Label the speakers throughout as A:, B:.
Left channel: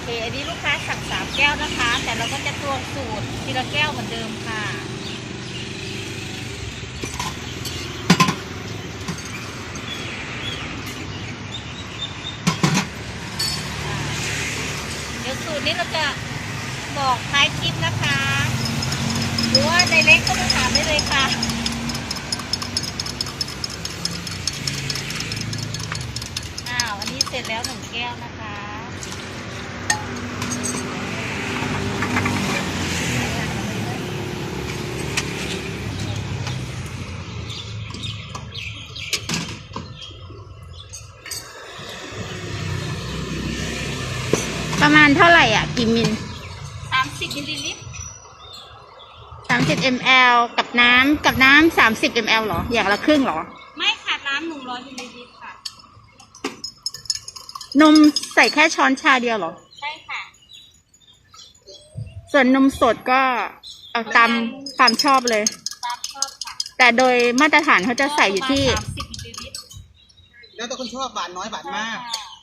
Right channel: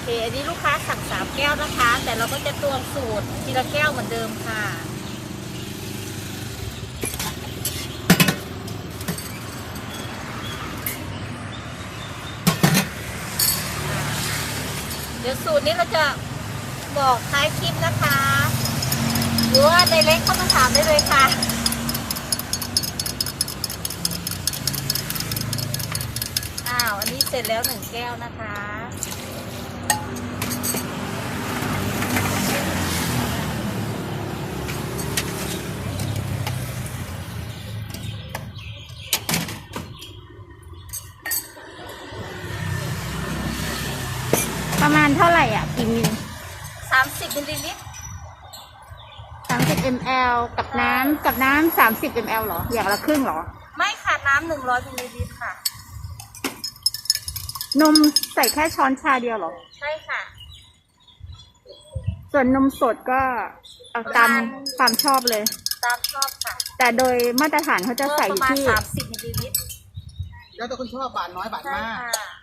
A: อันนี้ลูกค้าสั่ง3 แก้วนะคะ แต่เราก็จะตวงสูตรทีละแก้วเหมือนเดิมค่ะเดี๋ยวสูตรนี้เราจะบอกท้ายคลิปนะคะหรือว่าในเล็กเข้ามาถามได้เลยค่ะอันนี้เสร็จแล้ว1 แก้วนะคะ
B: ประมาณเท่าไหร่อ่ะกี่มิล
A: 30 มิลลิลิตร
B: 30 ml กับน้ำ30 ml เหรออย่างละครึ่งเหรอ
A: ไม่ค่ะน้ำ100 มิลลิลิตรค่ะ
B: นมใส่แค่ช้อนชาเดียวเหรอ
A: ใช่ค่ะ
B: ส่วนนมสดก็เอาตามความชอบเลย
A: ตามชอบค่ะ
B: แต่โดยมาตรฐานเขาจะใส่อยู่ที่
A: 30 มิลลิลิตร
C: แล้วแต่คนชอบบาทน้อยบาทมาก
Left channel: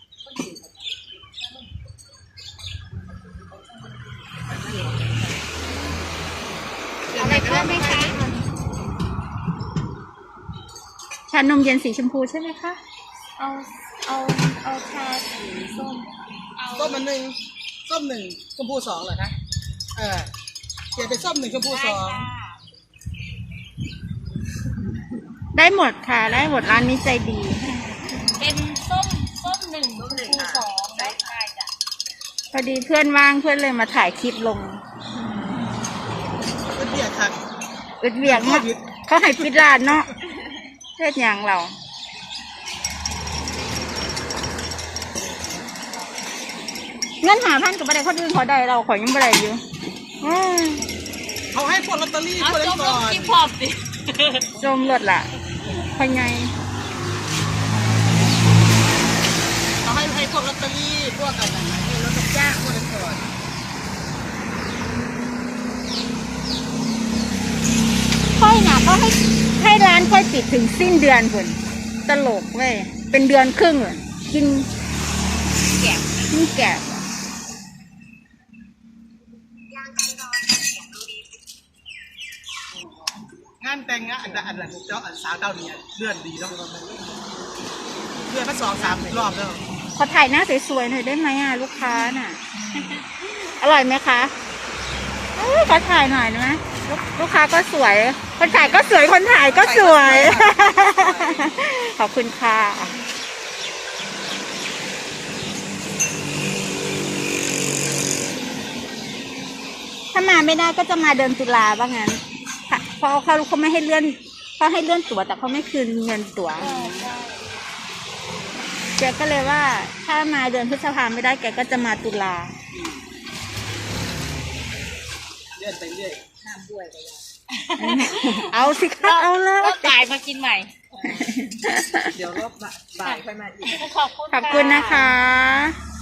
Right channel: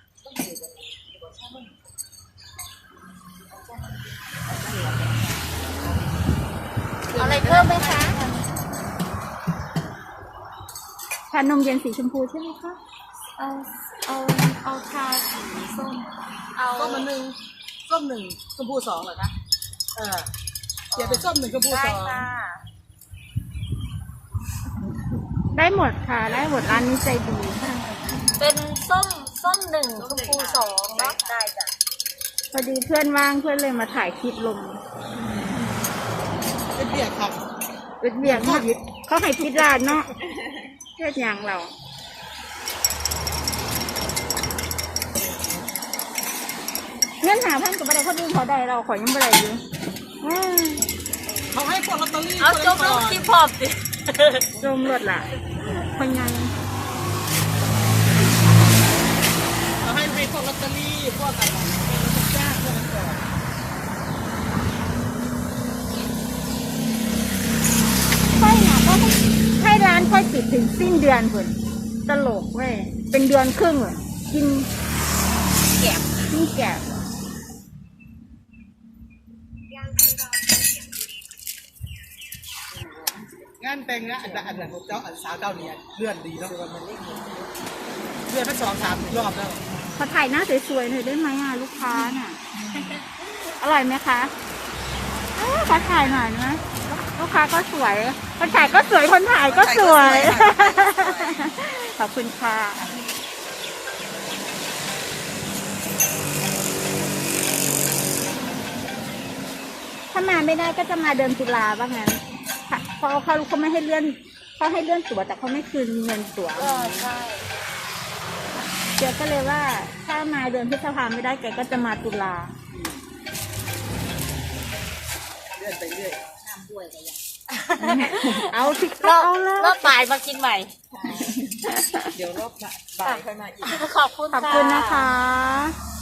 A: อะไรเพิ่มไหมคะ
B: ชานมเย็นสีชมพูใช่ไหมคะ
A: เอาชาสีส้ม
C: ส้ม1ส้ม1ชมพู2เหรอคะเปลี่ยนเป็นส้ม1ชมพู2
B: ได้หมดค่ะได้หมดร้านนี้ใจดี
A: เป็นส้ม1ชมพู2เนาะได้จ้ะ
B: พอดีเพื่อนว่างเพื่อนเลยมาถ่ายคลิปลง
C: เบียดครับ
B: อึดเบียดเขาให้ปิดร้านเนาะเฮ็ดหยังเราเงิน5,000กับบันไดคนอื่นเขาได้เราขอยังบันไดอยู่
C: เขาให้พวกลอตเตอรี่
A: เอาจมลงกินพอบสิ
B: จมหลดแหละพอไง
C: เขาให้พวกลอตเตอรี่พวกอะไรเราจะจ้างพวกนั้นก่อน
B: ค่อยนะก็ให้ร้านค่อยปิดถึงสิ้นเดือนคนตลกเว้ยเป็นเดือนครึ่งเลยกิน
A: แกะ
B: นี่แกะ
C: งานแต่งงานอันนั้นเจ้าสาวเจ้าเนี่ยเลื่อนดีเนาะเลื่อนมา2-3 รอบแล้ว
B: ขอถ่ายหน้าสวยๆหน่อยได้ไหมอ่ะลูกค้าน่ะอร่อยไหมคะขอถ่ายหน่อยนะลูกค้าก็สวยคนถ่ายก็สวยคนถ่ายก็สวยขอบคุณค่ะถ้ามาไม่ได้ก็จะมาเดินตุลาว่างั้นเพราะเขาไม่ให้เลื่อนเขาให้เลื่อนตั๋วแต่เขาไม่คืนเงินตั๋วแกก็เลยว่าถ้ามาเดือนพฤษภาไม่ได้แกก็จะมาตุลา
C: เลื่อนไปเรื่อย
A: ห้ามป่วยกันยัง
B: เอาสิคะเอาแล้ว
A: รอบบ่ายมากินใหม่
C: เดี๋ยวรอบบ่ายค่อยมาอีก
A: ขอบคุณ
B: นะคะ